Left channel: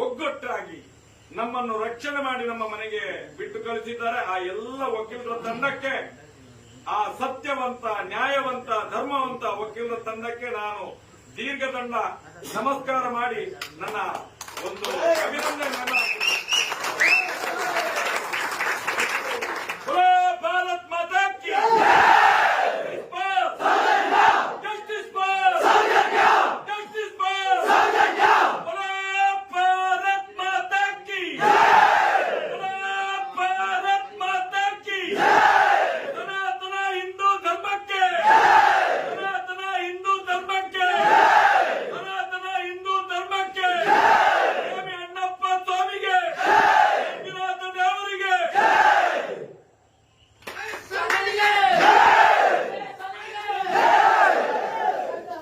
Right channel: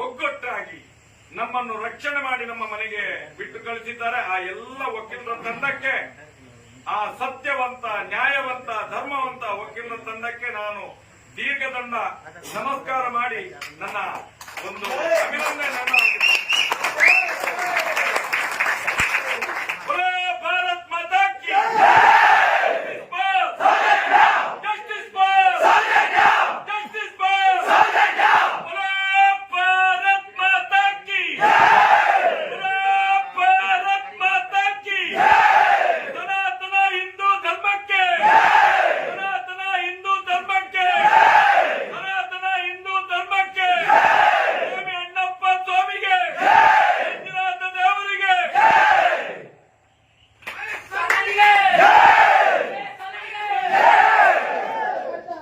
ಒಗ್ಗಟ್ಟಾಗಿ ನಮ್ಮನ್ನು ರಕ್ಷಣೆ ಮಾಡಿ ನಮ್ಮ ಮನೆಗೆ ಬಿಟ್ಟು ಕಳಿಸಿದ್ದಾರೆ. ಆ ಎಲ್ಲ ವಕೀಲರ ತಂಡಕ್ಕೆ, ಆ ಸತ್ಯವಂತ, ನ್ಯಾಯವಂತ, ಧರ್ಮವಂತ ವಕೀಲರ ತಂಡಕ್ಕೆ ನಾನು ದೀರ್ಘದಂಡ ನಮಸ್ಕಾರ ಮಾಡಿ ನನ್ನ ಒಂದು ಅಭಿನಂದನೆ